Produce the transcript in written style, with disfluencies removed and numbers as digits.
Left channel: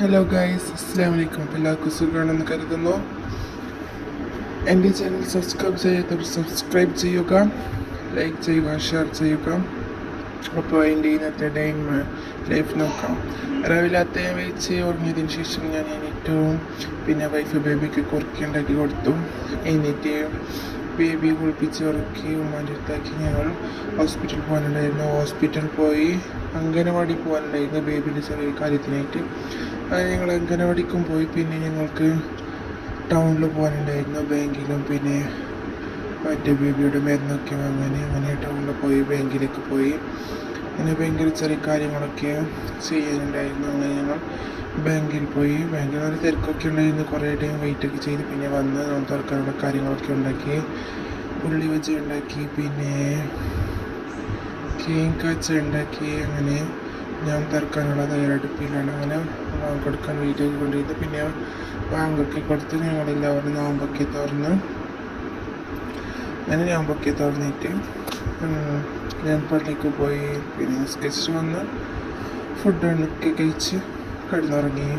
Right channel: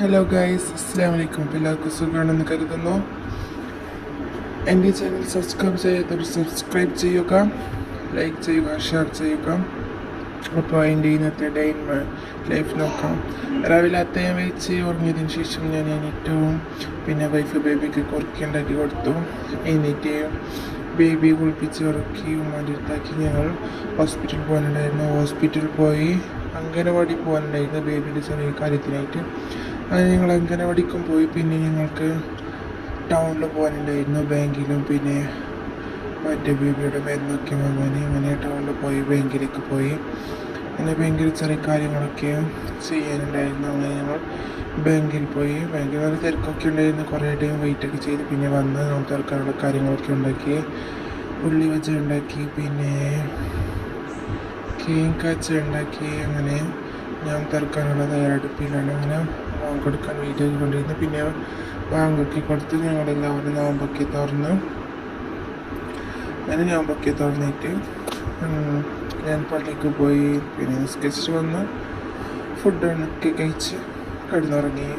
Hello guys, അസ്സലാമു അലൈക്കും. എല്ലാവർക്കും സുഖമാണെന്ന് കരുതുന്നു. എൻ്റെ ചാനൽ സബ്സ്ക്രൈബ് ചെയ്യാത്തവർ സബ്സ്ക്രൈബ് ചെയ്യുക, ലൈക്ക് ചെയ്യുക, ഷെയർ ചെയ്യുക. അപ്പോൾ എൻ്റെ ഇന്നത്തെ ഡേ ഇൻ ലൈഫ് നോക്കാം. രാവിലെ അത്തയും വെച്ച് ഉറങ്ങിയതിന് ശേഷം ഞാൻ എണീറ്റു. പിന്നെ വൈഫ് ബേബിക്ക് കുറുക്കുണ്ടാക്കി കൊടുത്തു. എന്നിട്ട് ബേബിയെ കുളിപ്പിച്ച് ഉറക്കി ഉമ്മാൻ്റെടുത്താക്കി ഞങ്ങൾ ഹോസ്പിറ്റലിൽ പോകാനുണ്ടായിരുന്നു. ഹോസ്പിറ്റലിൽ പോയി അംഗനവാടി പോകാനുണ്ടായിരുന്നു ബേബിയുടെ ചെറിയ കാര്യത്തിനായിട്ട്. അങ്ങനെ ഞങ്ങൾ അംഗനവാടിക്കും പോയി. പിന്നെ ഞങ്ങൾക്ക് ടൗണിൽ പോകാനുണ്ടായിരുന്നു, ബാങ്കിലും പിന്നെ മറ്റേ ബേബിയുടെ മരുന്നൊക്കെ വാങ്ങാൻ. അങ്ങനെ ടൗണിൽ പോയി, ബാങ്കിലേക്ക് പോയി. പിന്നെ ബാങ്കിൽ ചെറിയ കാര്യങ്ങളൊക്കെ ചെയ്യാനുണ്ടായിരുന്നു. അങ്ങനെ ഞങ്ങൾ ബാങ്കിൽ പോയി. ബാങ്കിൽ നല്ല തിരക്കൊക്കെ ഉണ്ടായിരുന്നു. കുറേ ടൈം വെയിറ്റൊക്കെ ചെയ്ത് പിന്നെ വന്ന് നമ്മൾ തുറക്കാനുള്ള കാര്യങ്ങളൊക്കെ ഉണ്ടാക്കി, ഉള്ളി വെച്ച് ഉണ്ടാക്കി, പിന്നെ കേക്ക് ഉണ്ടാക്കി. അങ്ങനെ ഞാൻ തുറക്കാനുള്ള തയ്യാറെടുപ്പിലാണ്. അങ്ങനെ ബാങ്ക് കൊടുക്കാൻ വെയിറ്റ് ചെയ്തുകൊണ്ടിരുന്നു. പിന്നെ ബാങ്കൊക്കെ കൊടുത്ത് ഞങ്ങളെല്ലാവരും നോമ്പൊക്കെ തുറന്ന്. അങ്ങനെ നോമ്പൊക്കെ തുറന്നിട്ട് ഞാൻ പള്ളിക്ക് പോയി. പിന്നെ നിസ്കരിച്ച് വന്ന് ഫുഡൊക്കെ കഴിച്ച് കിടന്നുറങ്ങി.